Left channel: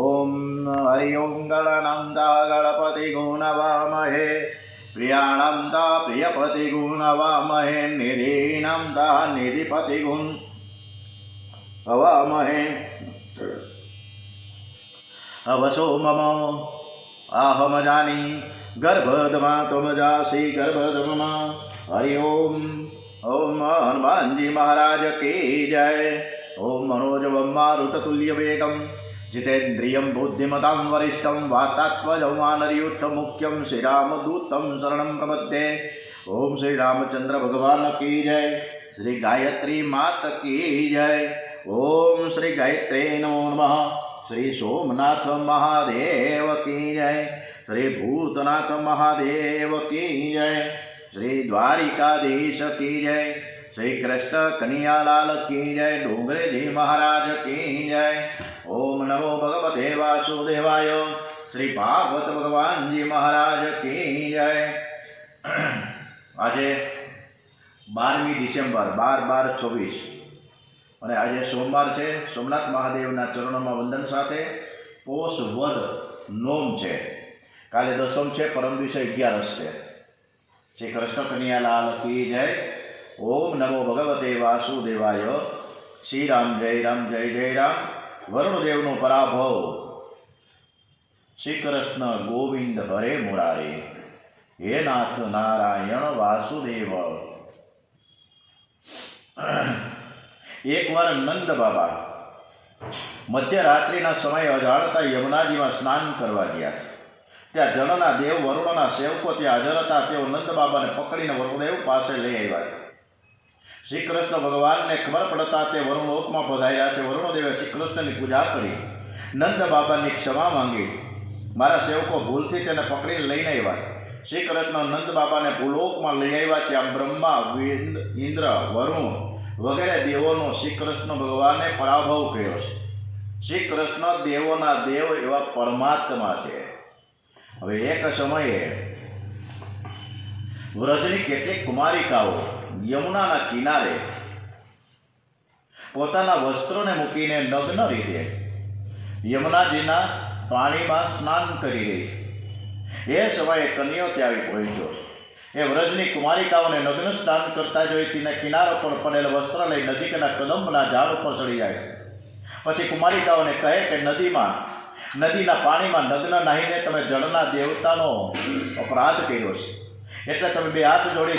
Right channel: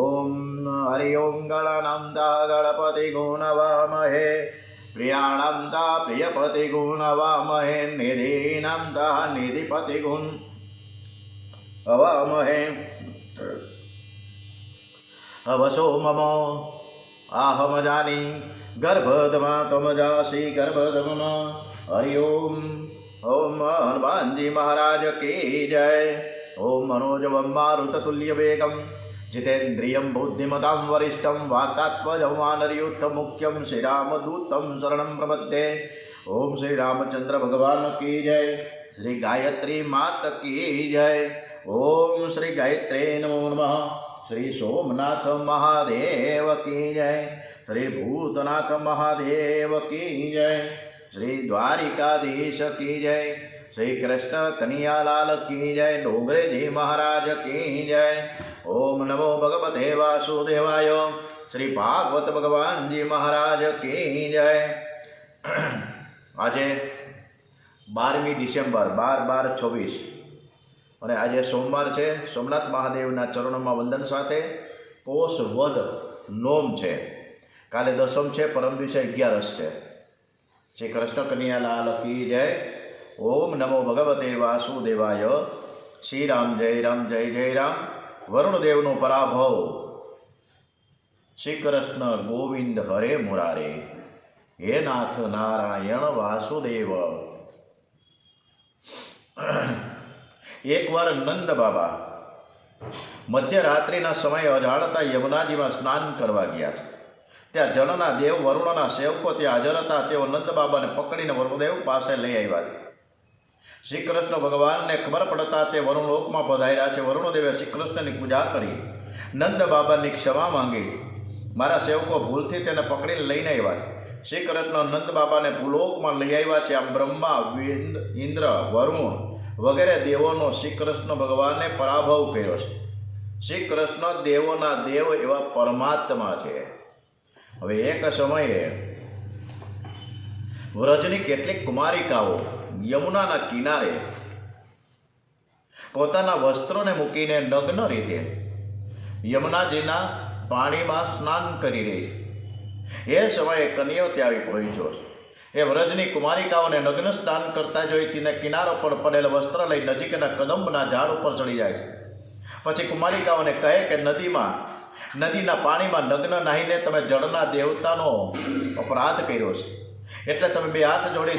ओम हरि ओं गणनंता गणपति गुणवामहे प्रियाणंता प्रियपति गुणवामहे निधीनंता निधिपति गुण अवामहे अवसो मम आहम जानी गर्भधमा तुम जासी गर्भधम हरि ओम हनुमान जी महाराज की जय। ओम मनोजवं मारुततुल्य वेगं जितेन्द्रियं बुद्धिमतां वरिष्ठं वातात्मजं वानरयूथं मुख्यं श्रीरामदूतं शरणं प्रपद्ये। ओम श्री रामचंद्र भगवान की जय। श्री गायत्री मात की जय। ओम श्री गायत्री नमो नमः। श्री सोमनाथ महादेव की जय। श्री भूतनाथ महादेव की जय। श्री द्वारिकाधीश की जय। श्री कृष्ण कन्हैयालाल की जय। डोंगरे जी महाराज की जय। ओम नमो भगवते वासुदेवाय। श्री भागवत भगवान जी महाराज की जय। आज 12મી ડિસેમ્બર 12/12/26 અને આજે સોમવાર છે। સોમનાથ મહાદેવના ચરણોમાં વંદન સાથે પોષ વદ નોમ છે। કાલે દસમ છે, પરમ દિવસે 11 છે। श्री कृष्ण कन्हैयालाल की जय। ओम नमो भगवते वासुदेवाय। श्री राम जय राम जय जय राम। वरुणदेवनो पराभव। श्री कृष्ण गोविंद हरे मुरारे। हे नाथ नारायण वासुदेव। एक बार नंद बाबा मध्यरात्रिना समय अजाणता यमुनाजीमां स्नान करवा गया। त्या जनना देव वरुणना सेवको त्या हाजर था। तेओ नंद बाबा ने पकड़ीने वरुणदेव पासे लई आव्या। श्री कृष्ण भगवान ने खबर पड़ता ते वरुणलोक में पधार्या छे। वरुणदेवे श्री कृष्ण की पूजा करी, नंद बाबा की क्षमा मांगी। मारा सेवको भूलथी तेने पकड़ीने लईने आव्या। श्री कृष्ण नंद बाबा ने भूलोक में लई आव्या छे। आम ब्रह्मा इंद्र वरुण वगैरह देवों श्री कृष्ण भगवान ने पराभव कर्यो छे। श्री कृष्ण देवोना देव एवा परमात्मा छे। हवे एक समये व्रजनी केटलीक कुमारिकाओ यमुनाना किनारे पोताना वस्त्रोने मूकीने नग्न रीते यमुनाजीना पाणीमां स्नान करी रही छे। ए समये कन्याओ त्यां आवी पहोंच्यो। ए व्रजनी कुमारिकाओने नग्न स्नान करता जोई तेना किनारा पर पड़ेल वस्त्र लई नजीकना कदंबना झाड़ पर चढ़ी जाय छे। पछी कुमारिकाओने कहे के नदीना पाणीमां नग्न नाहीने तमे जળના દેવતાનો अपराध कर्यो छे। एटले तमे बे हाथ जोड़ी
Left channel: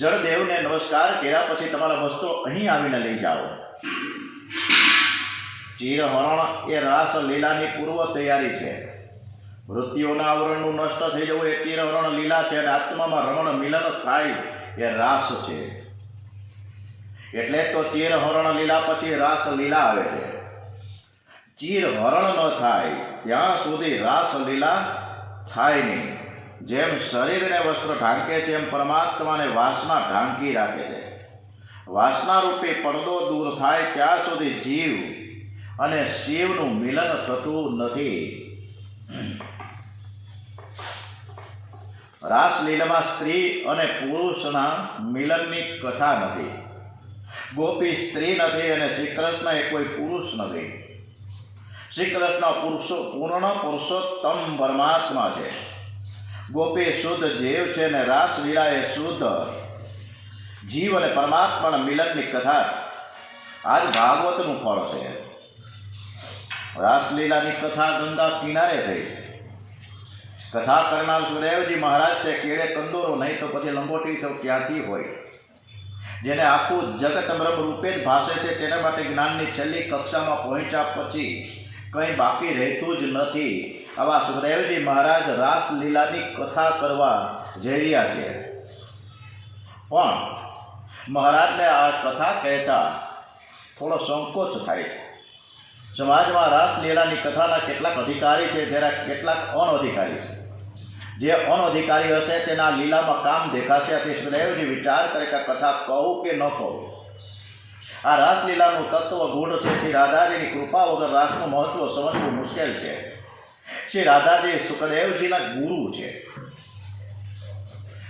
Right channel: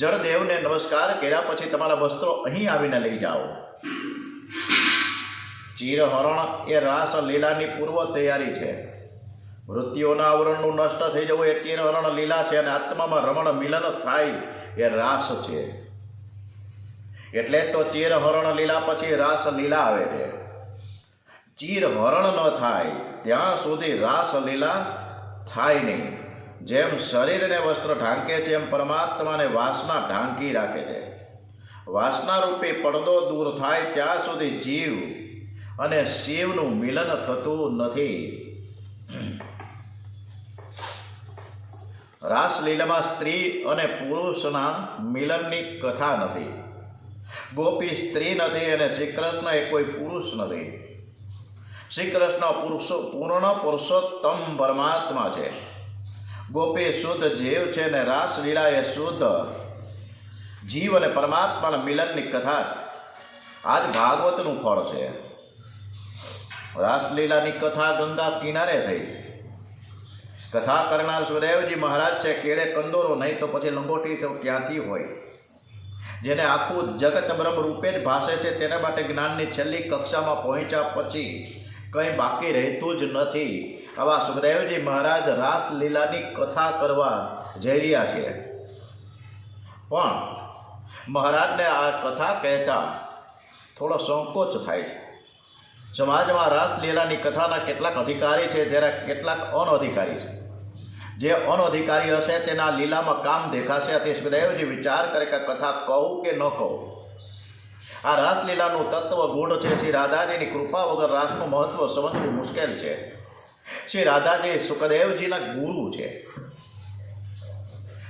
जળદેવને नमस्कार कर्या पछी तमारा वस्त्रो અહીં આવીને લઈ જાઓ। ચીરહરણ એ રાસ લીલાની પૂર્વ તૈયારી છે। મૃત્યુના આવરણનું નષ્ટ થઈ જવું એ ચીરહરણ લીલા છે અને આત્મામાં રમણ મિલન થાય એ રાસ છે। એટલે તો ચીરહરણ લીલા પછી રાસ લીલા આવે છે। ચીરહરણ ન થાય ત્યાં સુધી રાસ લીલા થાય નહીં। જેમ શરીરને વસ્ત્ર ઢાંકે છે એમ પરમાત્માને વાસના ઢાંકી રાખે છે। વાસના રૂપી પડદો દૂર થાય ત્યાં સુધી જીવ અને શિવનું મિલન થતું નથી। રાસલીલામાં સ્ત્રી અને પુરુષના મિલનની કથા નથી। ગોપી સ્ત્રી નથી અને શ્રીકૃષ્ણ એ કોઈ પુરુષ નથી। श्रीकृष्ण पूर्ण पुरुषोत्तम परमात्मा है। गोपी शुद्ध जीव है ने रासलीला ए शुद्ध जीव और परमात्मा मिलन की कथा आज भागवत फल है। रासलीला की कथा गंगा किनारे थी। कथा करनार सुखदेव जी महाराज है। केड़े कंदोरो नहीं तो पछी लंगोटी तो क्यांथी होय। जेने आखू जगत ब्रह्म रूपे ज भाषे छे तेना माटे ज्ञाननी छेल्ली कक्षामां पहोंच्या पछी कहीं बाकी रहतुं ज नथी। आवा सुखदेवजी महाराज रासलीलानी कथा करवा जई रह्या छे। पण महाराजने आ कथा कहता थोड़ो संकोच थाय छे। समाजमां रासलीलानी कथाना केटलाक अधिकारी छे ज्यारे केटलाक अनअधिकारी छे। जे अनअधिकारी हशे तेना लीलामां काम देखाशे। अते सुखदेवजी विचार करे के कथा कहूं के न कहूं। आ रासलीलाનું तत्व गूढ़ है। श्री राधाजीनी कृपा वगर रासનું महत्व समझવું मुश्केल है। श्री राधाजी सुखदेवजीना गुरु है।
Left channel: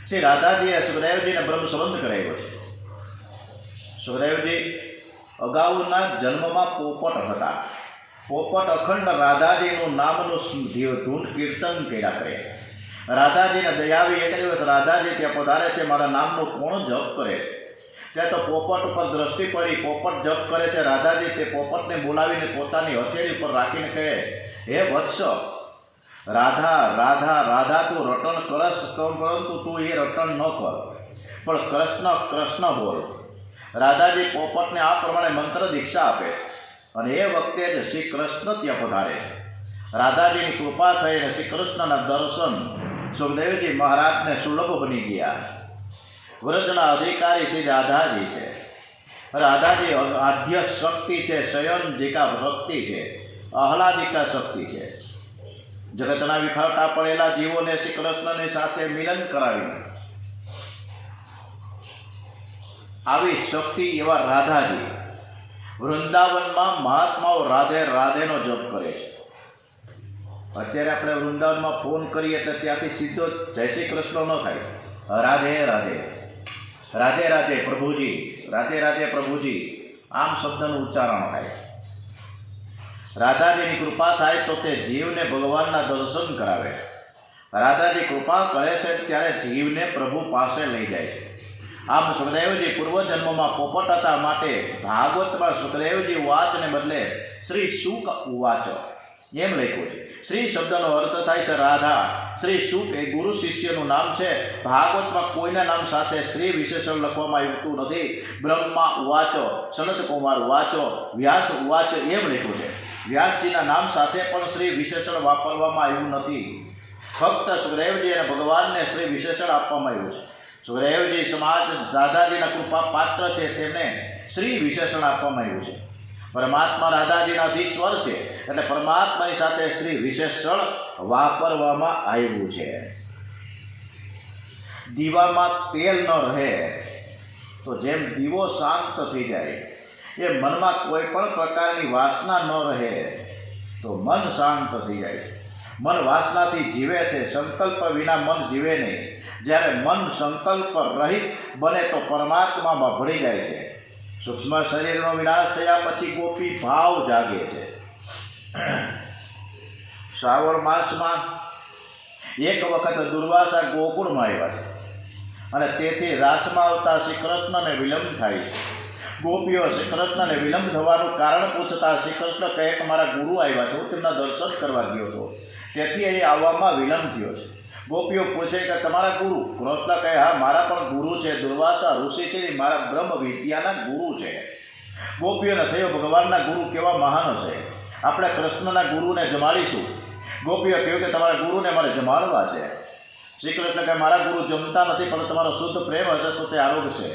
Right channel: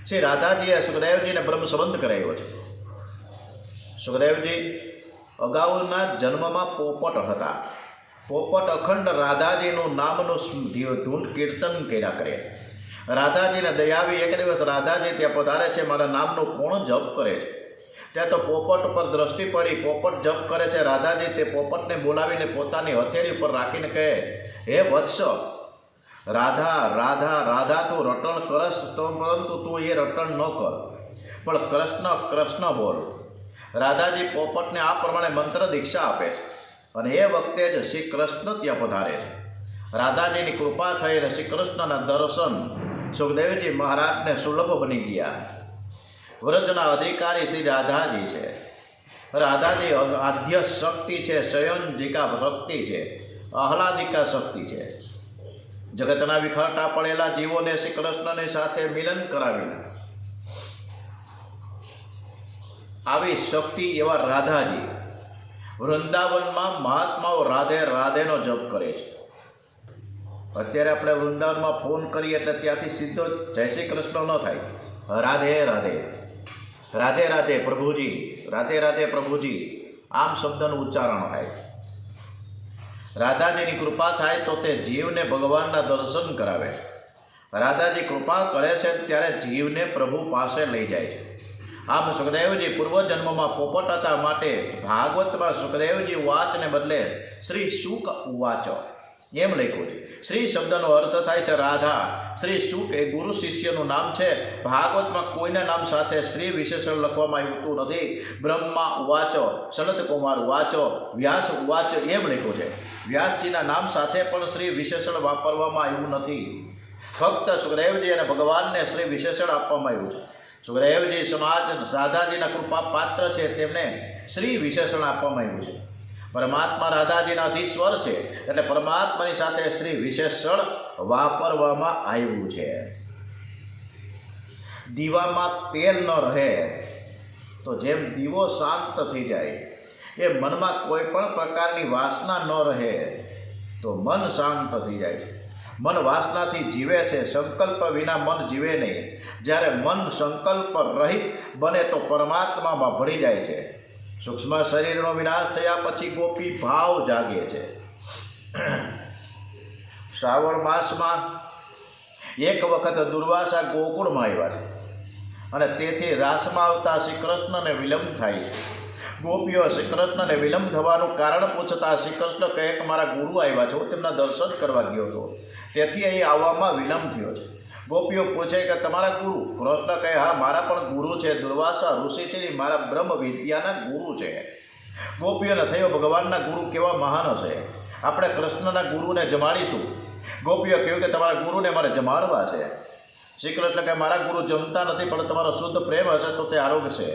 श्री राधाजीए सुखदेवजीने ब्रह्म संबंध कराव्यो छे। सुखदेवजी अगाऊना जन्ममां पोपट हता। પોપટ અખંડ રાધાજીનું નામનું ધૂન કીર્તન કર્યા કરે. રાધાજીને દયાવી એક દિવસ રાધાજી ત્યાં પધારે છે. મારા નામનું કોણ જપ કરે છે? ત્યાં તો પોપટ ઉપર દ્રષ્ટિ પડી. પોપટ જપ કરે છે. રાધાજી તે પોપટને બોલાવીને પોતાની હથેળી ઉપર રાખીને કહે, હે વત્સ, રાધા રાધા રાધા તું રટણ કરશ તો, પરંતુ તું એ રટણ ન કર, પણ કૃષ્ણ કૃષ્ણ બોલ. રાધાજી પોપટને આ પ્રમાણે મંત્ર દીક્ષા આપે છે. અને એ વખતે જ શ્રી કૃષ્ણ ત્યાં પધારે છે. રાધાજીની કૃપા થઈને શ્રી કૃષ્ણના દર્શન સુખદેવજી મહારાજને સુલભ બની ગયા. વ્રજના અધિકારી શ્રી રાધાજી છે. રાધાજી આદ્ય શક્તિ છે, શયનજિકા શક્તિ છે, આહલાદિકા શક્તિ છે. જગતના વિખરતા પડેલા જીવોને શ્રી કૃષ્ણની સાથે મિલન કરાવી આવી શક્તિ એવા રાધાજી વૃંદાવનમાં મહાત્માઓ રાધે રાધેનો જપ કરે છે. અત્યારે આપણે વૃંદાવનમાં ફોન કરીએ એટલે ત્યાંથી સીધો જય શ્રી કૃષ્ણ ન થાય, રાધે રાધે, રાધે રાધે પ્રભુજી, રાધે રાધે પ્રભુજી, આમ શબ્દનું ઉચ્ચારણ થાય. રાધાજીની કૃપા થાય તો તે જીવને ભગવાનના દર્શન કરાવે. રાધાજી કૃપા કરે છે ત્યારે જીવને પ્રભુ પાસે લઈ જાય છે. આમ સુખદેવજી પૂર્વજન્મમાં પોપટ હતા, માટે ભાગવતમાં સુખદેવજી વાચને બદલે શ્રી શુક ઉવાચ એમ લખ્યું છે. શ્રી શબ્દનો અર્થ થાય છે રાધા. શ્રી શુક એ ગુરુ શિષ્યનું નામ છે. ભાગવતમાં કોઈના નામ સાથે શ્રી વિશેષણ લખવામાં આવતું નથી. બ્રહ્મા ઉવાચો, સનત કુમાર ઉવાચો, વ્યાસ ઉવાચ એમ લખ્યું છે. વ્યાસજીના નામ સાથે પણ શ્રી વિશેષણ વાપરવામાં આવ્યું નથી. ફક્ત સુખદેવજી અને ભગવાનને શ્રી વિશેષણ આપવામાં આવ્યું છે. સુખદેવજી સમાજ રાધાજીના કૃપા પાત્ર છે, તેમને શ્રી વિશેષણ આપવામાં આવ્યું છે. પરમાત્મા રાધાજીના અધીશ્વર છે, એટલે પરમાત્માની સાથે શ્રી વિશેષણ વાપરવામાં આવ્યું છે. દીવામાં તેલ ન રહે તો જેમ દીવો શાંત થઈ જાય, એ મનમાં કોઈ પણ પ્રકારની વાસના ન રહે તો મન શાંત થઈ જાય છે. મન વાસનાથી જીવે છે, સંકલ્પ વિના મન જીવે નહીં. જ્યારે મન સંકલ્પ રહિત બને તો પરમાત્મામાં ભળી જાય છે. સૂક્ષ્મ શરીરનો વિનાશ થયા પછી ગોપી ભાવ જાગે છે. શ્રાવણ માસમાં એક વખત દુર્વાસા ગોકુળમાં આવ્યા છે, અને તેથી રાસમાં આવતા શ્રી કૃષ્ણને વિલંબ થાય છે. ગોપીઓ શ્રી કૃષ્ણને વિલંબ થવાનું કારણ પૂછતા શ્રી કૃષ્ણ કહે કે મારા ગુરુ આવ્યા છે, હું તેમના દર્શન કરવા ગયો હતો, તેથી અહીં આવવામાં વિલંબ થયો છે. ગોપીઓ પૂછે કે તમારા ગુરુ? કૃષ્ણ કહે હા, મારા પણ ગુરુ છે. દુર્વાસા ઋષિ છે, મારા બ્રહ્મ વિદ્યાના ગુરુ છે. ગોપીઓને થયો ભગવાનના ગુરુ કેવા મહાન હશે, આપણે કૃષ્ણના ગુરુને જમાડીશું. ગોપીઓ કહ્યું કે તમારા ગુરુને મારે જમાડવા છે. શ્રી કૃષ્ણ કહે મારા ગુરુ જમતા નથી, પણ તમારો શુદ્ધ પ્રેમ હશે તો તે આરોગ્ય છે.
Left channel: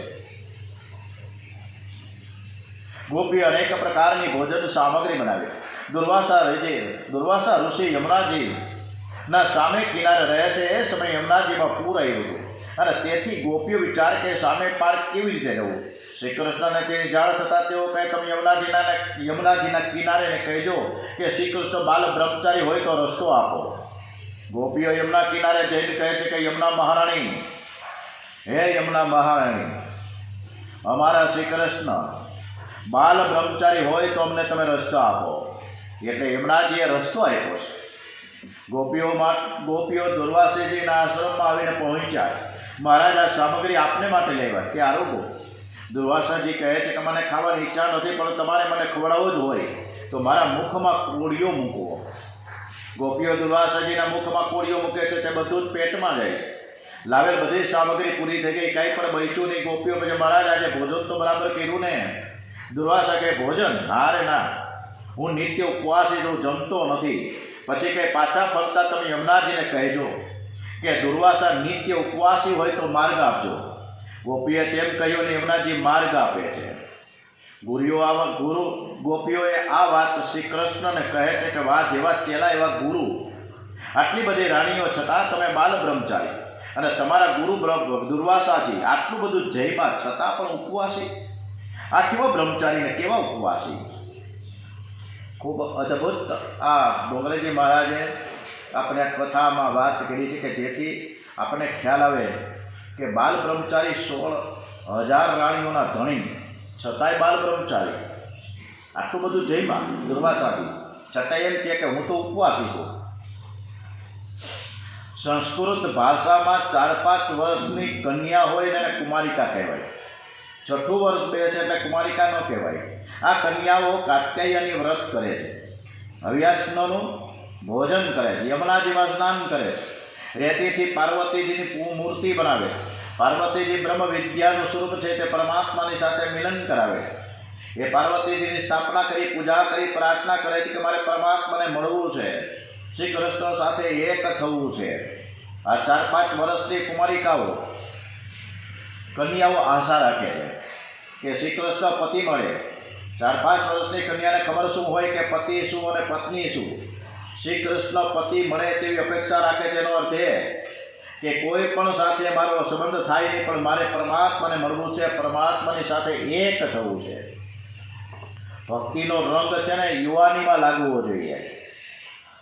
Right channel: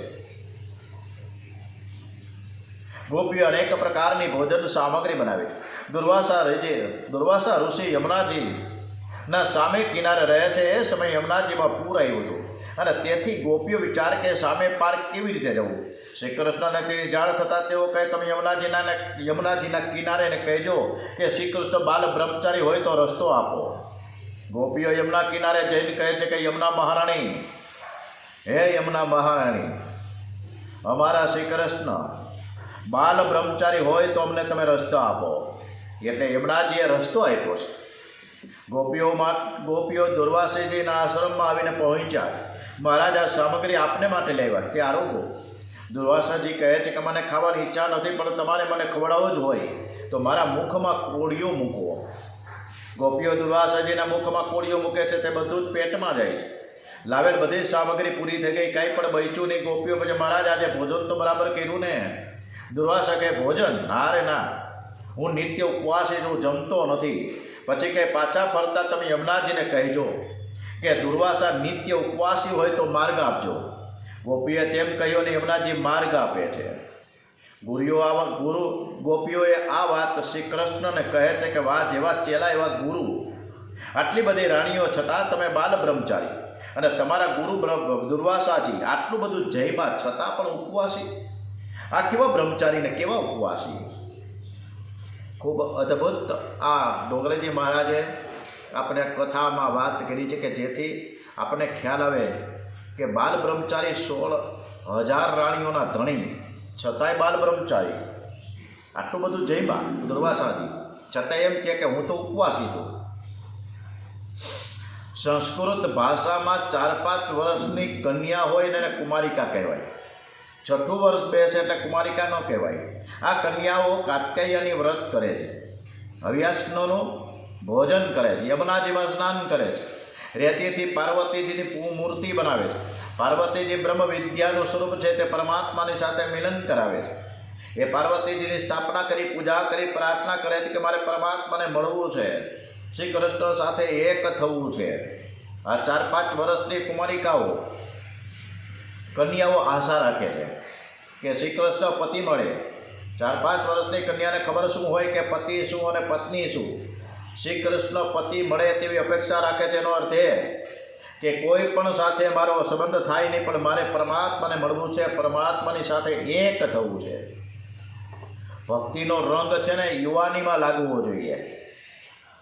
ગોપીઓ અનેક પ્રકારની ભોજન સામગ્રી બનાવી. દુર્વાસા ઋષિ યમુનાજીના સામે કિનારે રહે છે. એ સમયે યમુનાજીમાં પૂર આવ્યું હતું, અને તેથી ગોપીઓ વિચાર કે સામે પાર કેવી રીતે રહેવું. શ્રી કૃષ્ણને તેની જાણ થતાં તેઓ કહે તમે યમુનાજીના કિનારેને કહેજો કે શ્રી કૃષ્ણ બાલ બ્રહ્મચારી હોય તો રસ્તો આપો. ગોપીઓ યમુના કિનારે જઈને કહે છે કે યમુના મહારાણી, હે યમુના મહારાણી, અમારા શ્રી કૃષ્ણ બાલ બ્રહ્મચારી હોય તો અમને તમે રસ્તો આપો. એટલે યમુનાજીએ રસ્તો આપ્યો છે. ગોપીઓ દુર્વાસાજીના આશ્રમમાં આવીને પહોંચ્યા. મહારાજ આ સામગ્રી આપને માટે લેવા, તે આરોગો. દુર્વાસાજી કહે છે કે મને ખાવાની ઈચ્છા નથી, પણ તમારે મને ખવડાવવો જ હોય તો મારા મુખમાં કોળીઓ મૂકો. ગોપીઓ દુર્વાસાજીના મુખમાં કોળીઓ મૂકે છે, તે બધું જ પેટમાં જાય છે. લાવેલ બધી સામગ્રી પૂરી થઈ ગઈ, કાંઈ પણ બચ્યું નહીં. ગોપીઓ પછી મહારાજ આજે ભોજન તો બરાબર કર્યું ને? દુર્વાસા કહે ભોજન? ના રે ના, હું નિત્ય ઉપવાસી છું, જમતો નથી. પછી કે પાછા ફરતા તમે યમુનાજીને કહેજો કે દુર્વાસા નિત્ય ઉપવાસી હોય તો માર્ગ આપજો. ગોપીએ તેમ કહ્યું ને યમુનાજી માર્ગ આપે છે. ગોપીઓએ આ વાત શ્રી કૃષ્ણને કહે છે કે વાહ, જેવા ચેલા એવા ગુરુ. આટલી બધી રાણીઓ છતાં તમે બાલ બ્રહ્મચારી, અને તમારા ગુરુ દુર્વાસાજી આટલું બધું જયમાં છતાં પણ ઉપવાસી. આ કેવા બ્રહ્મચારીને કેવા ઉપવાસી! ખૂબ અદ્ભુત આ ડોંગરેજી મહારાજે આપણે કથામાં વાત કરી છે, કે જેથી આપણને ખ્યાલ આવે કે બાલ બ્રહ્મચારી 16,000 રાણીઓના ધણી, છતાંય બાલ બ્રહ્મચારી, આટલું બધું જયમાં દુર્વાસાજી છતાં એમ કે હું તો ઉપવાસી છું. સંસ્કૃત ભાષામાં 4-5 વર્ષની કન્યા હોય ને એને કુમારિકા કહેવાય. 6ઠું વર્ષ બેસે એટલે કુમારિકા ન કહેવાય. આ કન્યાઓ કાત્યાયની વ્રત કરે છે, હવ્યાસનોનું ભોજન કરે છે, યમુનાજીમાં સ્નાન કરે છે, રેતીથી પાર્વતીજીની મૂર્તિ બનાવે છે. પાર્વતીજી બ્રહ્મ વિદ્યાનું સ્વરૂપ છે તે પરમાત્માની સાથે મિલન કરાવે છે. એ પાર્વતીજીની સ્થાપના કરી, પૂજા કરી, પ્રાર્થના કરે છે કે મારે પરમાત્માને મળવું છે, શ્રી કૃષ્ણ સાથે એક થવું છે. આ 4-5 વર્ષની કુમારિકાઓ કન્યાઓ આશા રાખે છે કે શ્રી કૃષ્ણ પતિ મળે. 4-5 વર્ષની કન્યાને ખબર શું હોય કે પતિ શું અને પત્ની શું. શ્રી કૃષ્ણ પતિ મળે તેવી અપેક્ષા રાખે છે. એનો અર્થ એ કે કોઈ પણ સાથે મારો સંબંધ થાય નહીં, પણ મારે પરમાત્માને મળવું છે, પરમાત્માની સાથે એક થવું છે. ભક્તિનો રંગ છે ને યુવાનીમાં લાગવો જોઈએ.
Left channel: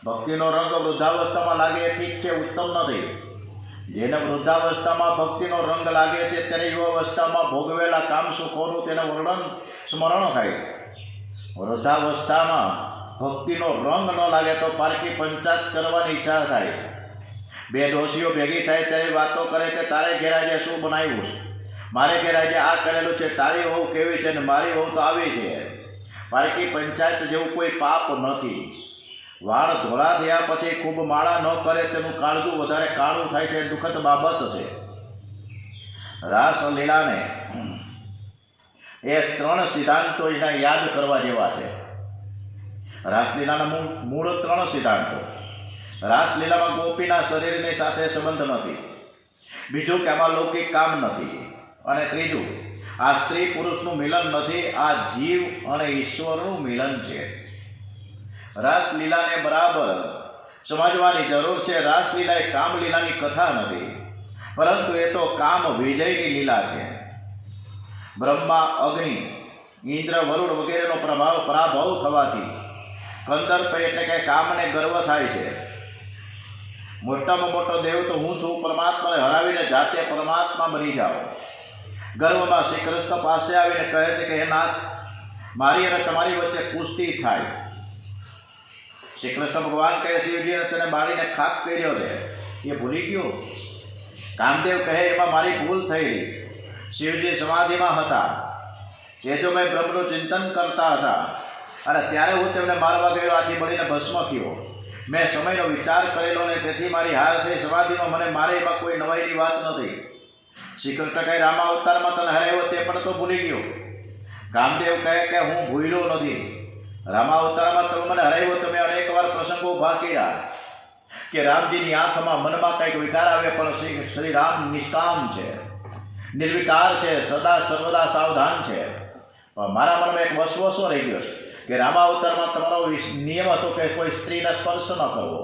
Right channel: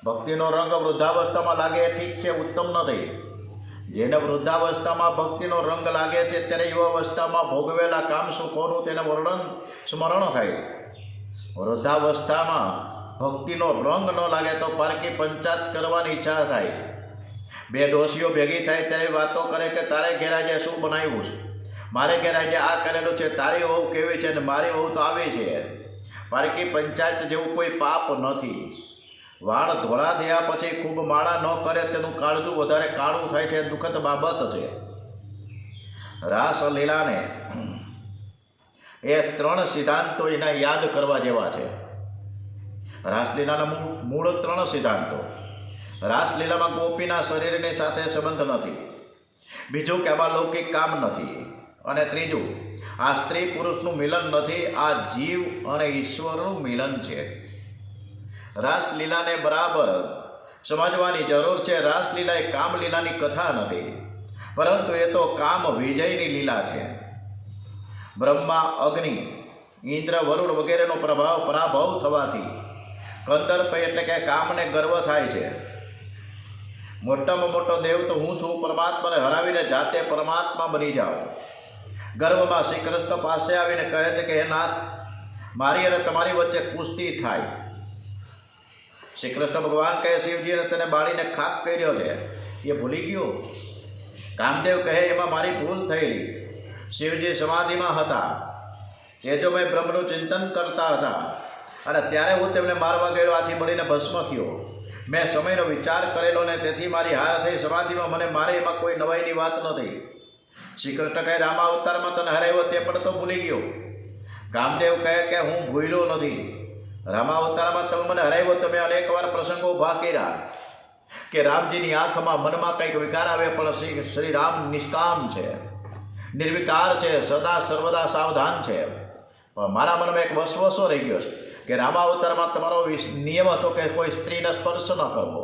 ભક્તિનો રંગ વૃદ્ધાવસ્થામાં લાગે ઠીક છે, ઉત્તમ નથી. જેને વૃદ્ધાવસ્થામાં ભક્તિનો રંગ લાગે છે ત્યારે યુવાવસ્થામાં ભોગવેલા કામ સુખોનું તેને વર્ણન સ્મરણ થાય છે. વૃદ્ધાવસ્થામાં ભક્તિનો રંગ ન લાગે તો પારકી પંચાયત કરવાની ઈચ્છા થાય છે. 2 ડોશીઓ ભેગી થાય ત્યારે વાતો કરે કે તારે ઘેર આજે શું બનાવ્યું છે, મારે ઘેર આજે આ કરેલું છે, તારી વહુ કેવી છે ને મારી વહુ તો આવી છે. પારકી પંચાયત જેવું કોઈ પાપ નથી. વાળ ધોળા થયા પછી ખૂબ માળા ન કરે તેનું કાળજું વધારે કાળું થાય છે, દુઃખદ બાબત છે. રાસલીલાને એ 3 સિદ્ધાંતો એના યાદ કરવા જેવા છે. રાસલીલાના મૂળ 3 સિદ્ધાંતો. રાસલીલામાં ગોપીના શરીરની સાથે સંબંધ નથી. બીજું કે આમાં લૌકિક કામ નથી. અને ત્રીજું, આ સ્ત્રી પુરુષનું મિલન નથી, આ જીવ અને ઈશ્વરનું મિલન છે. રાસલીલાને બરાબર સમજવાની જરૂર છે. રાસલીલા એ કામલીલાની કથા નથી, પરંતુ એ તો કામ વિજયની લીલા છે. બ્રહ્મા, અગ્નિ, ઇન્દ્ર, વરુણ વગેરેનો પરાભવ થવાથી કંદર્પ એટલે કે કામને ગર્વ થાય છે. મોટામાં મોટો દેવ તો હું છું, પરમાત્માને હરાવીને જાતે પરમાત્મા બની જાઓ. ગર્વમાં શ્રી કૃષ્ણ પાસે આવીને કહે છે કે હે નાથ, મારી અને તમારી વચ્ચે કુસ્તી થાય. શ્રી કૃષ્ણ ભગવાન કહે શિવજીને તેને બાળીને ખાક કર્યો છે, એ ભૂલી ગયો. કામદેવ કહે એમાં મારી ભૂલ થઈ. શિવજી સમાધિમાં હતા, તેજોમય બ્રહ્મનું ચિંતન કરતા હતા અને ત્યારે હું તેમને મારવા ગયો, આથી બળીને ભસ્મ થયો. મેં સમયનો વિચાર કરેલો ને તેથી મારી હાર થઈ. સમાધિમાં મને મારે એમાં કોઈ નવાઈની વાત નથી. શ્રી કૃષ્ણ કહે રામાવતારમાં તને હરાવ્યો તે પણ તો ભૂલી ગયો. કામદેવ કહે કે હું ભૂલ્યો નથી. રામાવતારમાં તમે મને હરાવ્યો, તમે અનેક વાર પ્રસંગો ઊભા કર્યા કે રામજીની આંખમાં મનમાં કંઈક વિકાર આવે, પણ શ્રી રામ નિષ્કામ છે, નિર્વિકાર છે, સદા સર્વદા સાવધાન છે. પણ મારા મનમાં એક વસવસો રહી ગયો છે કે રામાવતારમાં તમારો નિયમ હતો કે કોઈ સ્ત્રીને સ્પર્શ ન કરવો,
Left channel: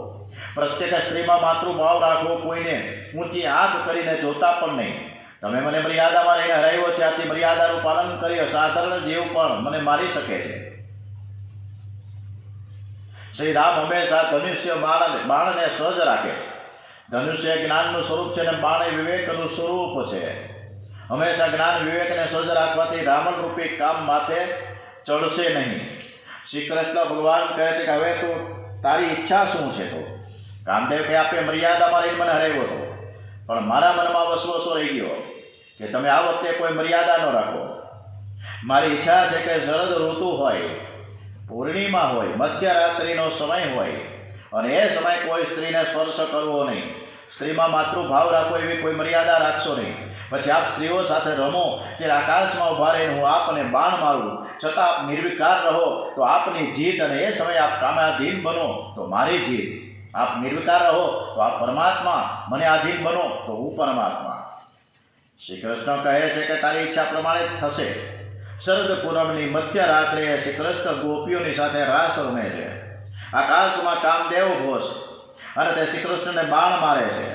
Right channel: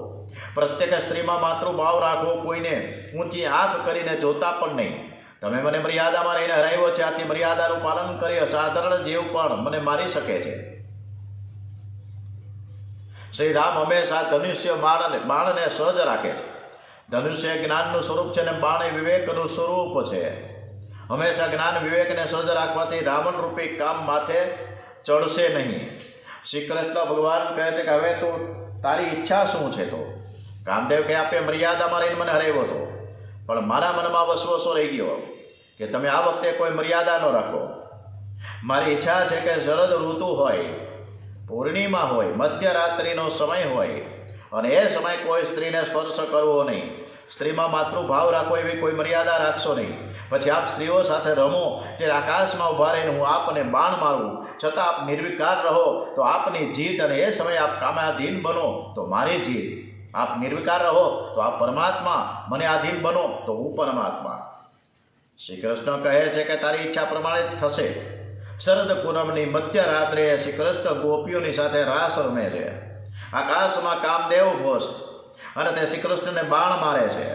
પ્રત્યેક સ્ત્રીમાં માતૃભાવ રાખવો, કોઈને ઊંચી આંખ કરીને જોતા પણ નહીં. તમે મને મર્યાદામાં રહીને હરાવ્યો છે, આથી મર્યાદાનું પાલન કરી અસાધારણ જીવ પણ મને મારી શકે છે. શ્રી રામ હંમેશા ધનુષ્ય બાણને સહજ રાખે છે. ધનુષ્ય જ્ઞાનનું સ્વરૂપ છે અને બાણ વિવેકનું સ્વરૂપ છે. હંમેશા જ્ઞાન વિવેકને સહજ રાખવાથી રાવણ રૂપી કામ માથે ચડશે નહીં. શ્રી કૃષ્ણ ભગવાન કહે છે કે હવે તું તારી ઈચ્છા શું છે? તો કામદેવ કહે આપે મર્યાદામાં રહીને મને હરાવ્યો હતો, પણ મારા મનમાં વસવસો રહી ગયો કે તમે આ વખતે કોઈ મર્યાદા ન રાખો. મારી ઈચ્છા છે કે શરદ ઋતુ હોય, પૂર્ણિમા હોય, મધ્યરાત્રિનો સમય હોય અને એ સમય કોઈ સ્ત્રીને સ્પર્શ કરવો નહીં. સ્ત્રીમાં માતૃભાવ રાખો એવી કોઈ મર્યાદા રાખશો નહીં. પછી આપ સ્ત્રીઓ સાથે રમો કે આકાશમાં ઊભા રહીને હું આપને બાણ મારું, છતાં આપ નિર્વિકાર રહો તો આપની જીત, અને એ સમયે આપ કામાધીન બનો તો મારી જીત. આપ નિર્વિકાર રહો તો આપ પરમાત્મા, મને આધીન બનો તો હું પરમાત્મા. શ્રી કૃષ્ણ કહે છે કે તારી ઈચ્છા પ્રમાણે જ થશે. શરદ પૂનમની મધ્યરાત્રે શ્રી કૃષ્ણ ગોપીઓની સાથે રાસ રમે છે. આકાશમાં કામદેવ ઘોષ અને તે શ્રી કૃષ્ણને બાણ મારે છે.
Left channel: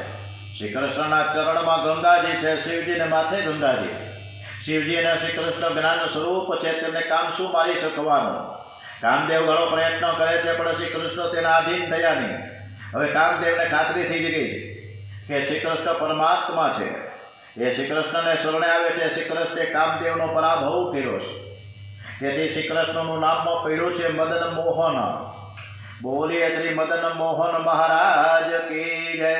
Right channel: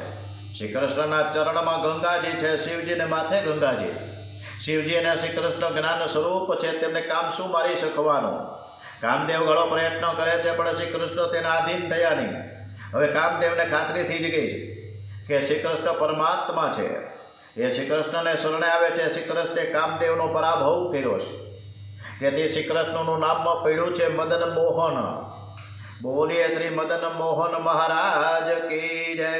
શ્રી કૃષ્ણના ચરણમાં ગંગાજી છે, શિવજીને માથે ગંગાજી. શિવજી અને શ્રી કૃષ્ણ જ્ઞાન સ્વરૂપ છે, તેમને કામ શું મારી શકવાનું? કામદેવ ઘણો પ્રયત્ન કરે છે પણ શ્રી કૃષ્ણ તેના આધીન થયા નહીં. હવે કામદેવને ખાતરી થઈ ગઈ છે કે શ્રી કૃષ્ણ પરમાત્મા છે. એ શ્રી કૃષ્ણને શરણે આવે છે. શ્રી કૃષ્ણે કામદેવનો પરાભવ કર્યો છે. તેથી શ્રી કૃષ્ણનું નામમાં પડ્યું છે મદન મોહન. બોલીએ શ્રી મદન મોહન મહારાજ કી જય,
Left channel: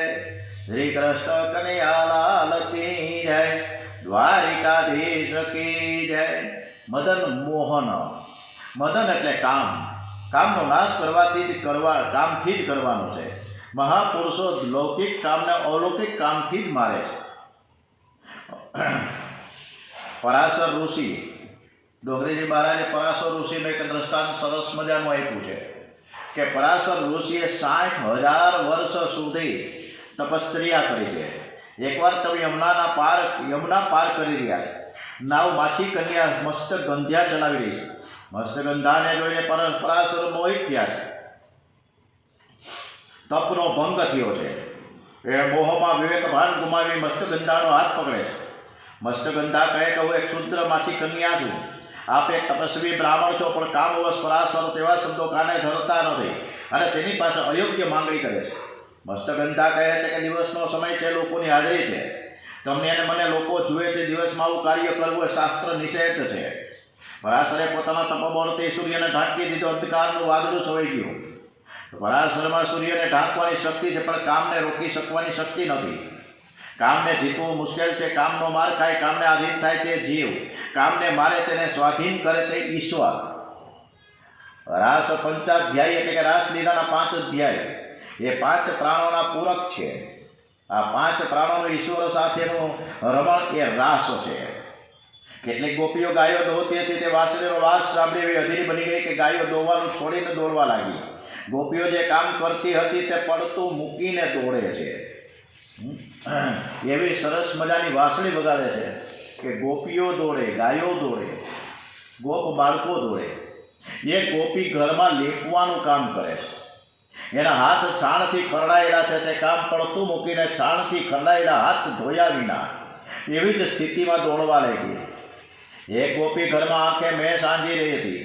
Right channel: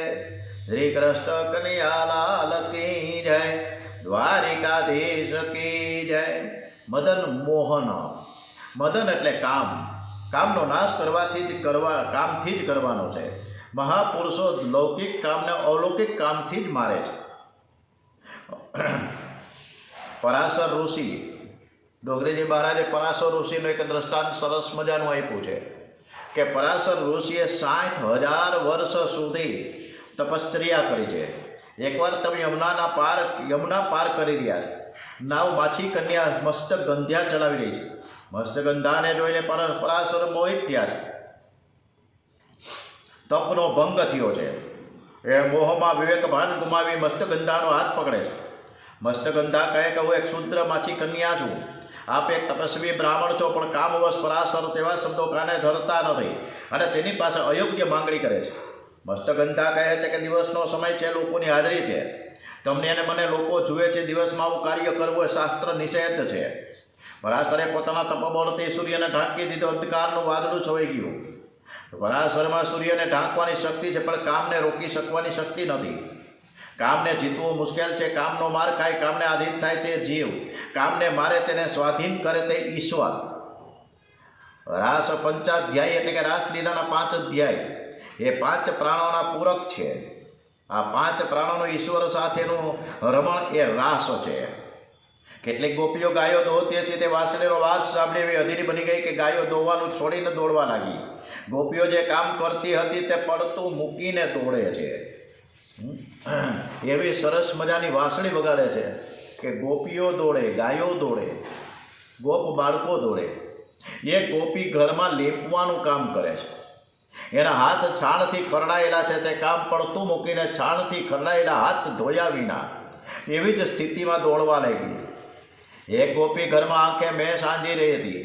શ્રી કૃષ્ણ કનૈયાલાલ કી જય, દ્વારિકાધીશ કી જય. મદન મોહન, મદન એટલે કામ, કામનો નાશ કામથી જ કરવાનો છે. મહાપુરુષો લૌકિક કામને અલૌકિક કામથી જ મારે છે. પરાશર ઋષિ, ડોંગરીજી મહારાજે પરાશર ઋષિનું એક દ્રષ્ટાંત સરસ મજાનું આપ્યું છે કે પરાશર ઋષિએ 60,000 વર્ષ સુધી તપશ્ચર્યા કરી છે. એકવાર તમે યમુના પાર કરી રહ્યા છે. નાવ માછી કન્યા મસ્તક ગંધ્યા ચલાવી રહી છે. મસ્તક ગંધાને જોઈને પરાશર મોહિત થયા છે. તપનો ભંગ થયો છે. એ મોહમાં વિવેકભાન ગુમાવી મસ્તગંધાનો હાથ પકડે છે. મસ્તગંધા કહે કે હું એક શુદ્ર માછી કન્યા છું, આપ એક તપસ્વી બ્રાહ્મણ છો, પણ કામવશ પરાશર તેવા શબ્દો કાને ધરતા નથી અને તેની પાસે અયોગ્ય માંગણી કરે છે. મસ્તગંધા કહે છે કે દિવસનો સમય છે, લોકોની હાજરી છે, તમને અને મને લોકો જુએ છે, દિવસમાં આવું કાર્ય કરવું એ શાસ્ત્ર નિષેધ છે. પરાશરે પોતાના તપબળથી સૂર્યને ઢાંકી દીધો. અંધકારનું વાદળું છવાઈ ગયું. પરાશરમાં સૂર્યને ઢાંકવાની શક્તિ છે, પણ કામને રોકી શકવાની શક્તિ નથી. કામને જીતવું મુશ્કેલ છે. કામનો માર ખાય, કામને આધીન થાય તે જીવ, કામને મારે તેને સ્વાધીન કરે તે ઈશ્વર. રાસ પંચાધ્યાય એટલે કે રાસલીલાના 5 અધ્યાય એ 5 પ્રાણોના પૂરક છે. આ 5 પ્રાણોનું ઈશ્વર સાથેનું રમણ એ રાસ છે. કેટલીક ગોપીઓ ગાયો દોહતી હતી. તે વાસળીનો વાસ સાંભળી એવી અધીરી બની ગઈ કે ગાયો દોવાનું છોડીને દોડવા લાગી. ગોપીઓ જે કામ કરતી હતી તે પડતું મૂકીને દોડે છે. એવી સરસ મજાની વાંસળી વગાડે છે કે ગોપીઓ દોડે, ગાયો દોડે, ગોપ બાળકો દોડે. એ ગોપી ઘરમાં લેપવાનું કામ કરે છે. એના હાથ છાણથી ખરડાયેલા છે. તે કામ પડતું મૂકીને છાણથી ખરડાયેલા હાથ ધોયા વિના એવી જ સ્થિતિમાં દોડવા લાગી. એક ગોપી ઘરમાં આંખે મેં સાંજી રહી હતી.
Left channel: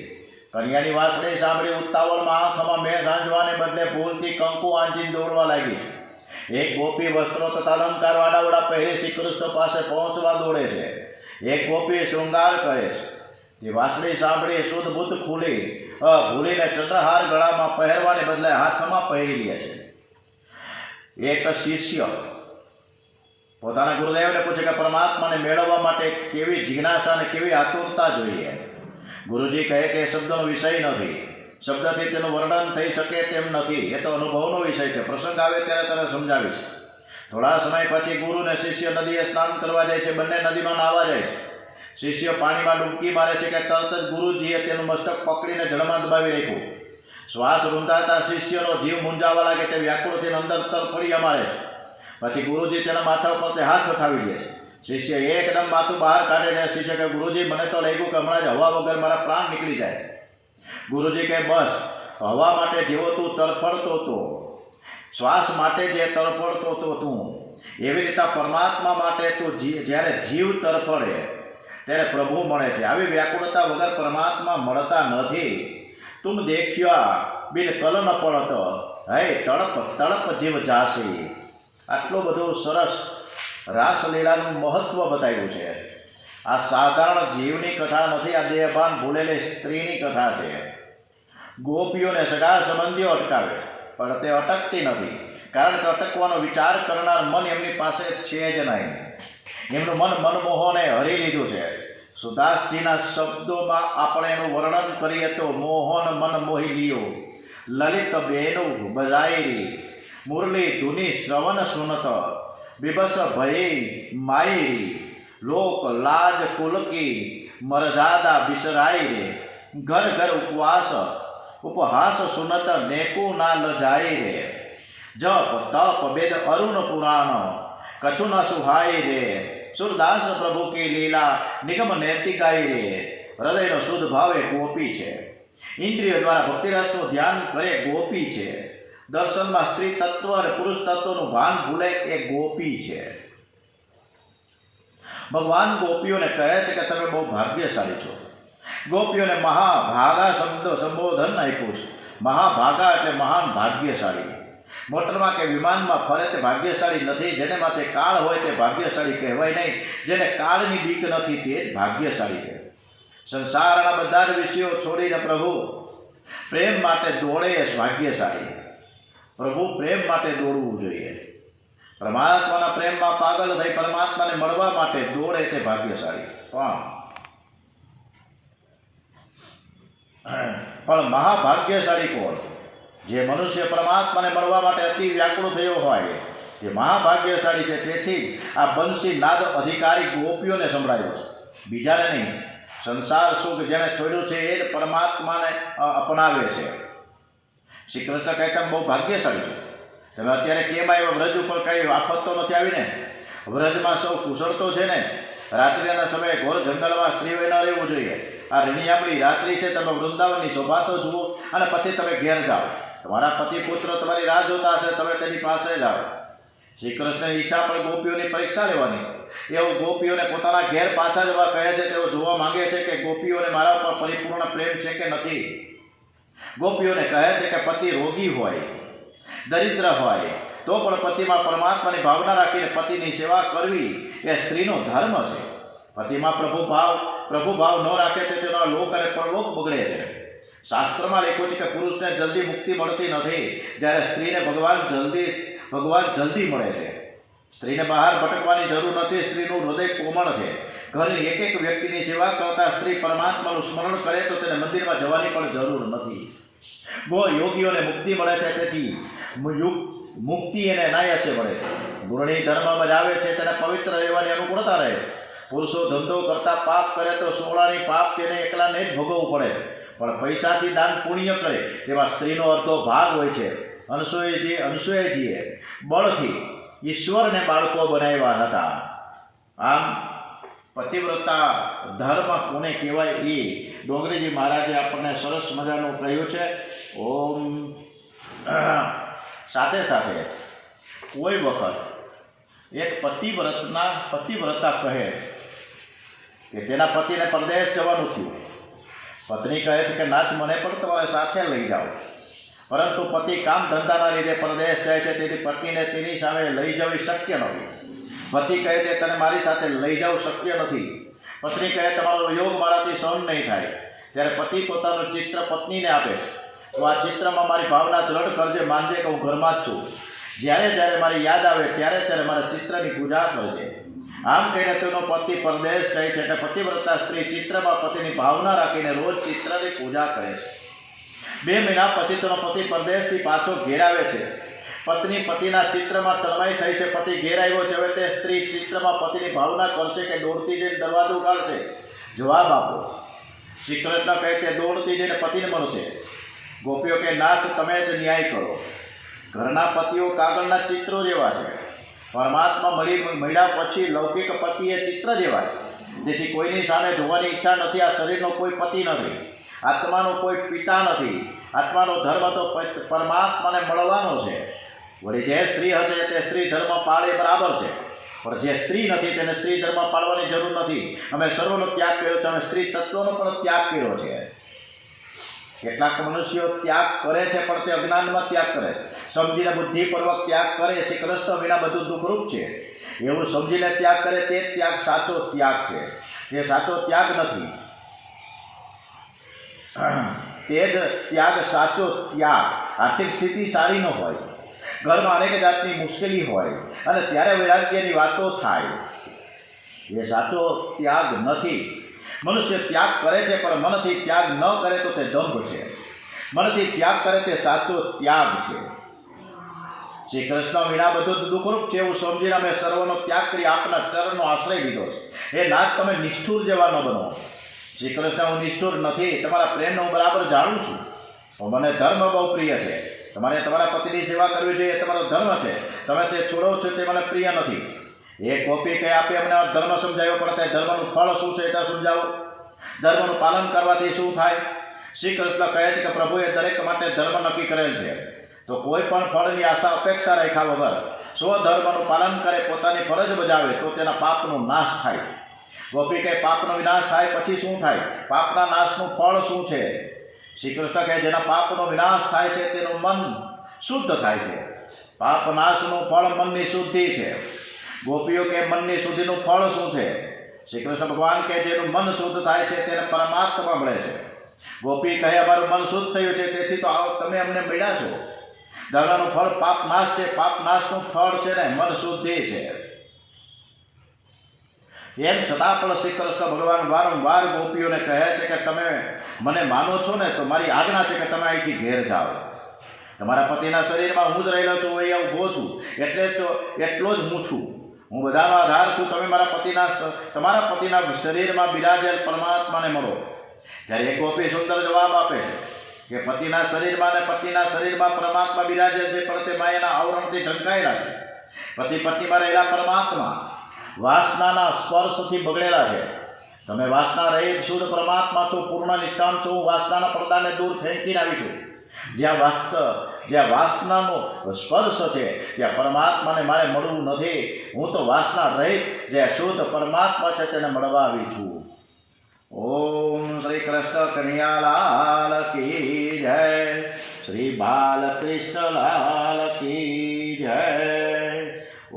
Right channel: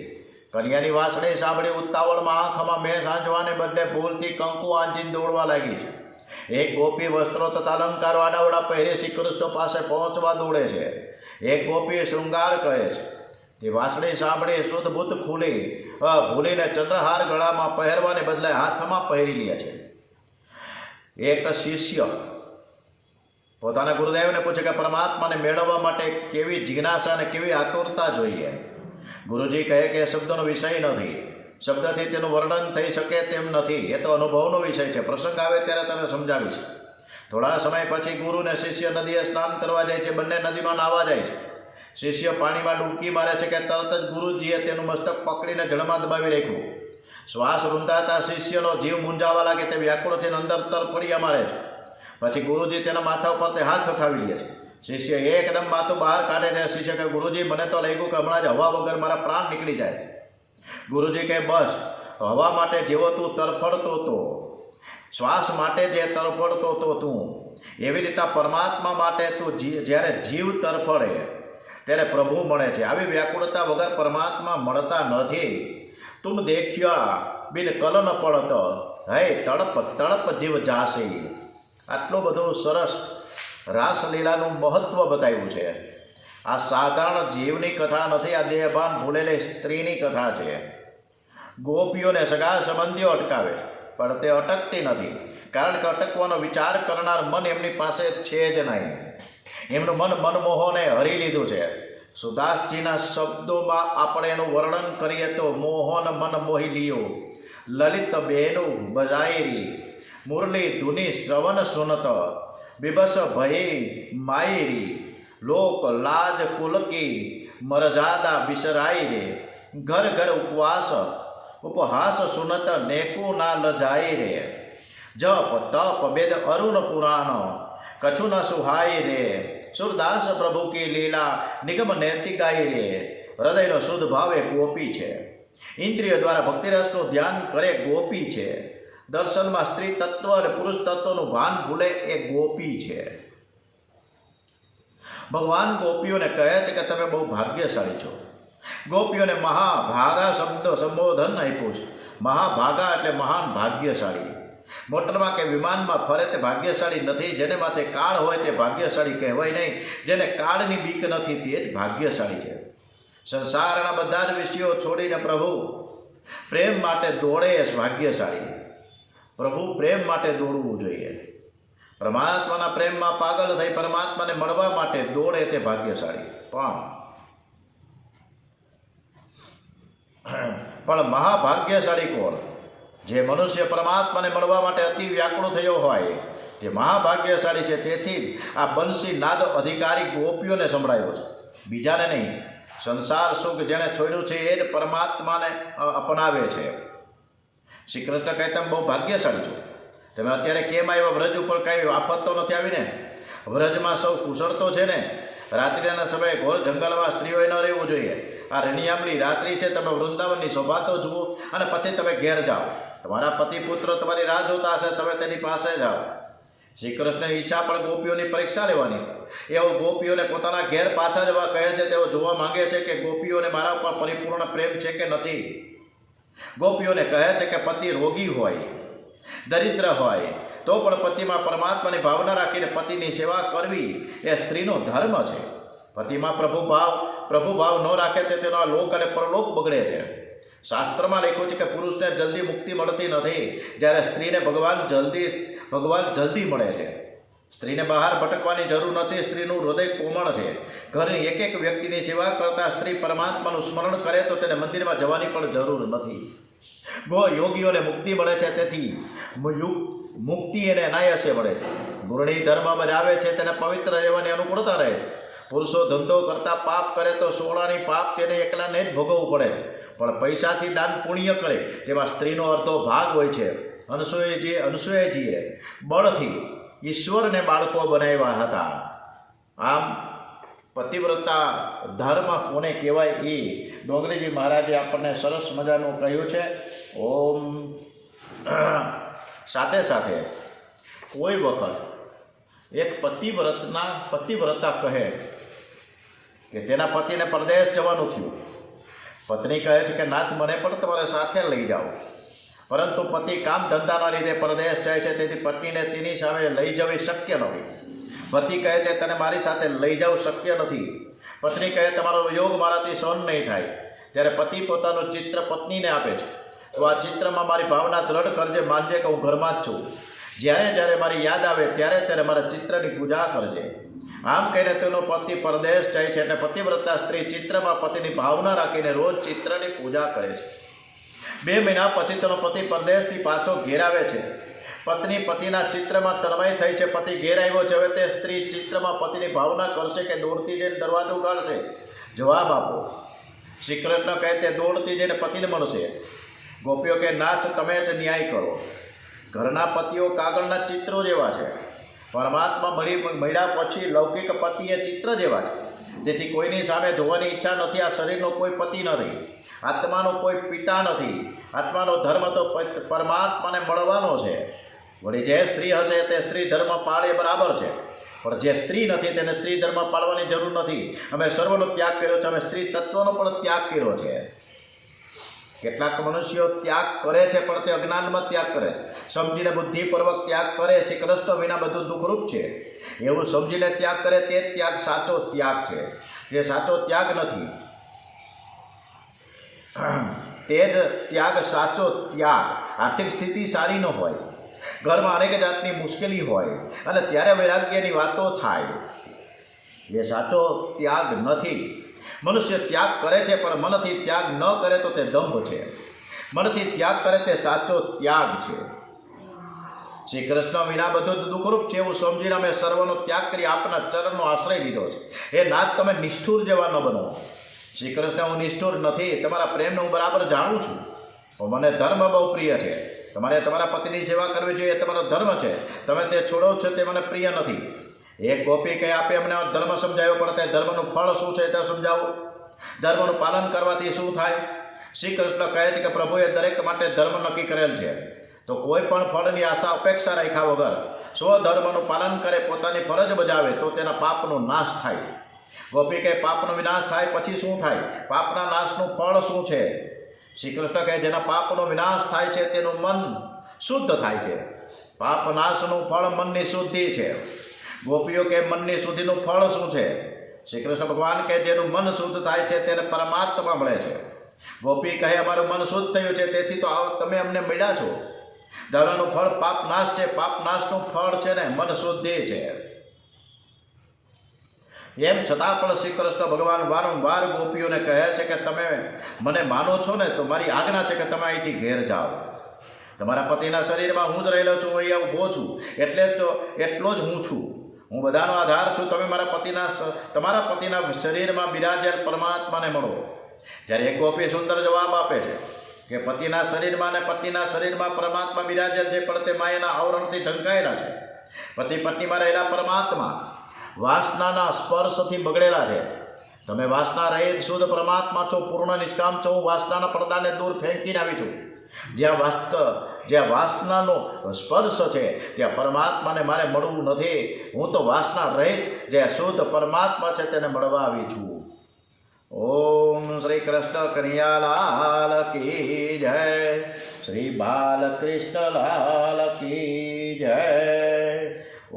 કન્યાની વાંસળી સાંભળી ઉતાવળમાં આંખમાં મેં સાંજવાને બદલે ભૂલથી કંકુ આંચીને દોડવા લાગી. એક ગોપી વસ્ત્રો તથા અલંકાર વાડાવડા પહેરી શ્રી કૃષ્ણ પાસે પહોંચવા દોડે છે. એક ગોપી શૃંગાર કરે છે. તે વાંસળી સાંભળી શુદ્ધબુદ્ધ ભૂલીને ચંદ્રહાર ગળામાં પહેરવાને બદલે હાથમાં પહેરી લે છે. એક શિષ્ય પોતાના ગુરુદેવને પૂછે કે પરમાત્માને મેળવવા માટે કેવી જિજ્ઞાસા અને કેવી આતુરતા જોઈએ. ગુરુજી કહે કે એ શબ્દનો વિષય નથી, શબ્દથી તેનું વર્ણન થઈ શકે તેમ નથી, એ તો અનુભવનો વિષય છે. પ્રસંગ આવે ત્યારે તને સમજાવીશ. થોડા સમય પછી ગુરુ અને શિષ્ય નદીએ સ્નાન કરવા જાય છે. બંને નદીમાં નાહવા જાય છે. શિષ્ય પાણીમાં ડૂબકી મારે છે કે તરત જ ગુરુજીએ તેનું મસ્તક પકડીને જળમાં દબાવી રાખ્યું. શ્વાસ રૂંધાતા શિષ્યનો જીવ મૂંઝાવા લાગે. તે વ્યાકુળ થઈને અંદર તરફડિયા મારે છે. પછી ગુરુજી તેના માથા ઉપર તે હાથ ઉઠાવી દે છે. શિષ્ય એકદમ માથું બહાર કાઢીને શિષ્ય કે ગુરુજી મને તો લાગ્યું કે હમણાં જ હવા વગર મારા પ્રાણ નીકળી જાય. ગુરુજી કહે બસ, હવા માટે જેવો તું તરફડતો હતો, શ્વાસ માટે જે તરફડતો હતો તું, એવી રીતે પરમાત્મા માટે તું જ્યારે જીવ તરફડે ત્યારે પ્રભુ મળે છે. આવી વ્યાકુળતા વગર પરમાત્મા મળતા નથી. તુમ દેખ્યા બિન કલ ન પડત, હે તડપ તડપ જીવ જાસી. આટલું બધું સરસ રાસલીલાનું મહત્ત્વ બતાવ્યું છે. આ સાધારણ જીવની કથા નથી, આ દેહભાન ભૂલેલી સ્ત્રીની કથા છે. ગોપીઓને સગા સંબંધીઓ અટકાવે પણ તે અટકતી નથી, કારણ કે અટકવાનો વિચાર કરનાર મન એમની પાસે છે જ નહીં. એમનું મન મનમોહને હરી લીધું છે. સુદાસજીના શબ્દોમાં આપણે એનું વર્ણન કરીએ તો મોહન મન મોહી લિયો, લલિત બેનુ બજાયરી, મુરલી ધુની શ્રવણ સુનત, બિબસ ભયે માયરી, લોક લાજ કુલકી મરજાદા બિસરાઈ રે, ઘર ઘર ઉપહાસ સુનત નેકુ ના લજાઈ રે, જપ તપ વેદ અરુણ પુરાણ કછુ ન સુહાઈ રે, સુરદાસ પ્રભુ કી લીલા નિગમ નૈતિકાઈ રે. હૃદયનો શુદ્ધ ભાવ એ ગોપી છે. ઇન્દ્રિય દ્વારા ભક્તિરસનું ધ્યાન કરે ગોપી છે. દર્શનમાં સ્ત્રી તત્વ અને પુરુષ તત્વનું ભાન ભૂલે એ ગોપી છે. ભગવાન ગોપીઓને કહે છે કે તમે બહુ ભાગ્યશાળી છો. ગોપીઓને મહાભાગા શબ્દ સંબોધન આપ્યું છે. મહાભાગા એટલે મહાન ભાગ્યશાળી. મોટરમાં કે વિમાનમાં ફરે તે ભાગ્યશાળી નથી. જેને માથે કાળ હોય તે ભાગ્યશાળી કહેવાય નહીં. જેને કાળની બીક નથી તે જ ભાગ્યશાળી છે. સંસારના બધા જ વિષયો છોડીને પ્રભુ પ્રેમ માટે દોડે એ ભાગ્યશાળી. પ્રભુ પ્રેમ માટે દોડવું જોઈએ. પરમાત્માના પ્રેમમાં પાગલ થઈ પરમાત્માને મળવા માટે દોડે તે ભાગ્યશાળી. પણ મહાભાગ્યશાળી કોણ? જે મનુષ્ય પરમાત્માને મળવા માટે અતિ વ્યાકુળ થયો હોય, જે મહાભાગ્યશાળી છે. તેથી આ બંસી નાદ અધિકારી ગોપીઓને સંભળાયો છે, બીજાને નહીં. સંસાર સુખ જેણે છોડ્યું છે એ જ પરમાત્માને અપનાવે છે. શ્રી કૃષ્ણ કહે તેમ બહુ ભાગ્યશાળી છે. તમે અત્યારે કેમ આવ્યા? વ્રજ ઉપર કઈ આફત તો નથી આવી ને? વ્રજમાં સૌ કુશળ તો છે ને? રાત્રિના સમયે ઘોર જંગલમાં સ્ત્રીઓએ ન રહેવું જોઈએ. આ રણિયામણી રાત્રિ છે. તમે વૃંદાવનની શોભા તો જુઓ અને પછી તમે ઘેર જાઓ. તમારા પતિ પુત્રો તમારી રાહ જોતા હશે, તમે તેની પાસે જાઓ. શ્રી કૃષ્ણની ઈચ્છા પણ ગોપીઓની પરીક્ષા લેવાની. એવો ગોપીઓને પોતાના ઘેર પાછા જવા કહે છે. તેઓ જોવા માંગે છે કે ગોપીઓને મારા ઉપર પરિપૂર્ણ પ્રેમ છે કે નથી. ગોપીઓને કહે છે કે પતિ રોગી હોય, દરિદ્ર હોય, તો પણ પતિમાં પરમાત્માની ભાવના રાખીને પતિની સેવા કરવી એ સ્ત્રીનો ધર્મ છે. પતિમાં પ્રભુભાવ ન રાખે તે તેનો લોક અને પરલોક બગડે છે. શાસ્ત્રમાં લખ્યું છે કે પુરુષને જલ્દી મુક્તિ મળતી નથી, જ્યારે સ્ત્રીને ભગવાન જલ્દી મળે છે. સ્ત્રીને બહાર ભટકવાની જરૂર નથી. સ્ત્રીનું હૃદય કોમળ છે. ઘરની એક એક વ્યક્તિની સેવા કરતા સ્ત્રી પરમાત્માનું સ્મરણ કરે તો તેને મંદિરમાં જવાની પણ જરૂર નથી. યોગીઓને મુક્તિ મળે છે. તેથી મુક્તિ એને અનાયાસે મળે છે. ગુરણી ધર્મ બજાવે છે તેને પવિત્ર રહેવાની અનુકૂળતા રહે છે. પુરુષો ધંધો કરતા પાપ કરે તો સોળાની પાપ તેને એકલાને જ ભોગવવું પડે. પણ પૈસાથી દાન પુણ્ય કરે તેમાં સ્ત્રીનો અડધો ભાગ હોય છે. અનસૂયાજીએ બળથી ઈશ્વરને બાળકો બનાવ્યા હતા. આમ પતિવ્રતા ધર્મ કોને કહેવાય એ ડોંગરીજી મહારાજે આપણને સરસ મજાનું કહ્યું છે. ઓમ. સાથે સાથે કોઈ વખત એક પતિવ્રતા કહે કે તેના પતિને પરદેશ જવાનું થયું. પત્ની કહે છે કે નાથ મને પણ તમારે સાથે લઈ જાઓ. પરંતુ પતિ કામ ધંધાના લીધે પરદેશ જાય છે. તેથી પત્નીને તેની સામે લઈ જવી શક્ય નથી. પતિ કહે છે તને મારી સાથે લઈ જવું શક્ય નથી. પત્ની કહે તમારો યોગ મારાથી સહન નહીં થાય. ત્યારે પતિ પોતાનું ચિત્ર પત્નીને આપે છે. તો આ ચિત્રમાં મારી ભાવના દ્રઢ કરજે, માનજે કે હું ઘરમાં જ છું. જ્યારે મારી યાદ આવે ત્યારે મારા ચિત્રની પૂજા કરજે. આમ કહીને તેનો પતિ પરદેશ જાય છે. એટલે પતિવ્રતા સ્ત્રી ચિત્રમાં પતિની ભાવના રાખીને રોજ ચિત્રની પૂજા કરે છે. 2 મહિના પછી તેનો પતિ પરદેશથી પાછો ઘેર આવે છે. પત્ની પતિના ચિત્રમાં તન્મય થઈ છે. પતિ ઘેર આવ્યો છે. હવે તે સ્ત્રી ચિત્રમાં પતિની ભાવના કરશે કે દોડતી જઈને દરવાજો ઉગાડશે? જવાબ આપો. શ્રી કૃષ્ણ કહે તે દોડતી જઈને પતિને મળશે. ગોપીઓ કે નાથ તમે જ ન્યાય કરો. ઘરના પતિઓ કાગળના ચિત્રો જેવા છે. પરમાત્મા મળ્યા પછી લૌકિક પતિ એ ચિત્ર જેવા છે. તેથી કોઈની સામે જોવાની ઈચ્છા નથી. આ શરીરનો કોઈ પતિ નથી. આત્માનો કોઈ પિતા નથી. આત્માનો ધર્મ તો પરમાત્માને મળવાનો છે. વળી જે સ્ત્રી હશે તે સ્ત્રી ધર્મ પાળે બરાબર છે. પણ જે સ્ત્રી નથી તેને સ્ત્રી ધર્મ પાળવાની જરૂર નથી. અમે સર્વનો ત્યાગ કર્યો છે. અમે સ્ત્રી તત્વનો પણ ત્યાગ કર્યો છે. કેટલાક મનુષ્યો ત્યાગ કરે છે પણ તે અજ્ઞાનમાં ત્યાગ કરે. સમજીને બુદ્ધિપૂર્વક ત્યાગ કરે. શ્રી કૃષ્ણ વિના બધું દુઃખરૂપ છે. એવું સમજીને ત્યાગ કરે તે ત્યાગ સાચો ત્યાગ છે. તે સાચો ત્યાગ નથી. તે જ ત્યાગ સાચો ત્યાગ. આર્થિક સ્થિતિ સારી ન હોય, ઘરમાં અનેક જાતની મુશ્કેલી હોય અને ત્યારે વૈરાગ્યની વાતો થાય, એ સાચો ત્યાગ નથી. મનુષ્ય ત્યાગ કરે છે પણ મનથી ત્યાગ ન કરે તો તે દંભ છે. મનથી ત્યાગ કરે તે સાચો ત્યાગ છે. શ્રી કૃષ્ણ વિના બધું દુઃખરૂપ છે એવું સમજીને અમે સર્વનો ત્યાગ કરી આપના ચરણનો આશ્રય લીધો છે. એ નાથ તમે નિષ્ઠુર જેવા ન બનો. શ્રી કૃષ્ણ હું નિષ્ઠુર નથી. તમારા પ્રેમને હું બરાબર જાણું છું. મને ધર્મ બહુ પ્રિય છે. તમારે તમારા પતિની સેવા કરવી જોઈએ એ તમારો ધર્મ છે. તમે તે છોડો છો તે મને પ્રિય નથી. એક ગોપી કહે આપે અમને ધર્મ સમજાવ્યો પણ તે ધર્મનું ફળ શું છે તે સમજાવો. ધર્મનું પાલન કરવાથી શું થાય? શ્રી કૃષ્ણ કહે છે કે પ્રભુએ દરેક માટે ધર્મ નક્કી કરેલ છે. તો કોઈ પણ ફળની આશા અપેક્ષા રાખ્યા વગર સ્વધર્મનું પાલન કરે, પોતાની ફરજ બજાવે તો તેના પાપનો નાશ થાય. ગોપી કહે પાપનો વિનાશ થાય પછી શું થાય? પાપના નાશનું ફળ શું છે? શ્રી કૃષ્ણ કહે જેના પાપનો વિનાશ થાય છે તેનું મન શુદ્ધ થાય છે. પાપ નાશનું ફળ મનની શુદ્ધિ છે. ગોપીઓ કે મનની શુદ્ધિનું ફળ શું છે? શ્રી કૃષ્ણ ભગવાન કે જેનું મન શુદ્ધ થાય છે તેને પરમાત્મા મળે છે. ગોપી કહે અમારું મન શુદ્ધ થયું છે, તેથી તો આવો તમે અમને મળ્યા છો. ધર્મનું ફળ પાપ નાશ છે, પાપ નાશનું ફળ છે ને મન શુદ્ધિ છે. એમ છતાં પણ શ્રી કૃષ્ણ ભગવાન વારંવાર ગોપીઓને કહે છે કે તમે મને માનો છો ને તો મારી આજ્ઞા છે કે તમે અહીંથી ઘેર જાઓ. તમારા પતિના શરીરમાં હું જ રહેલો છું, અહીંયા ઊભો છું, એટલો જ હું છું. હું બધાનો આધાર છું. તમે તમારા પતિના શરીરમાં બિરાજેલ પરમાત્માને મળો. ત્યારે એક ગોપી સુંદર જવાબ આપે છે કે પતિના શરીરમાં ને પતિના શરીરમાં પરમાત્મા બિરાજેલ છે, પણ તે માયાના આવરણથી ઢંકાયેલા છે. પતિ પત્નીમાં રહેલા પરમાત્મા વાસનાના સ્પર્શથી બગડેલા છે. તમે વાસના રહિત શુદ્ધ પરમાત્મા છો, પૂર્ણ નિષ્કામ છો. હું વાસનાના પડદાને દૂર ફેંકીને આવી છું. જ્યાં વાસનાનો સ્પર્શ છે ત્યાં પરમાત્માને મારે મળવું નથી. હું તો વાસના રહિત જે શુદ્ધ પરમાત્મા છે તેને મળવા આવી છું. ઓમ શ્રી કૃષ્ણ કનૈયાલાલ કી જય. શ્રી બાલકૃષ્ણલાલ કી જય.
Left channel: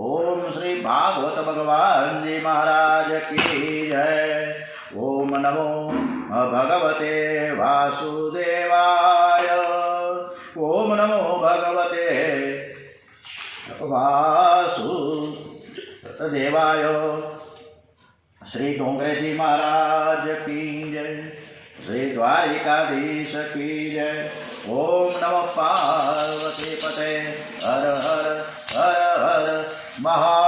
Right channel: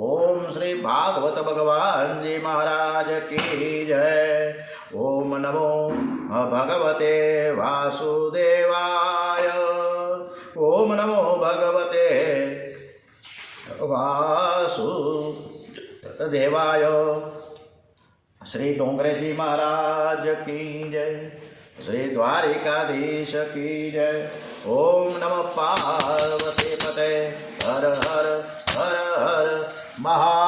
ઓમ શ્રી ભાગવત ભગવાનજી મહારાજ કી જય. ઓમ નમો ભગવતે વાસુદેવાય. ઓમ નમો ભગવતે વાસુદેવાય. શ્રી ડોંગરેજી મહારાજ કી જય. શ્રી દ્વારિકાધીશ કી જય. ઓમ નમઃ પાર્વતી પતે. હર હર હર હર મહા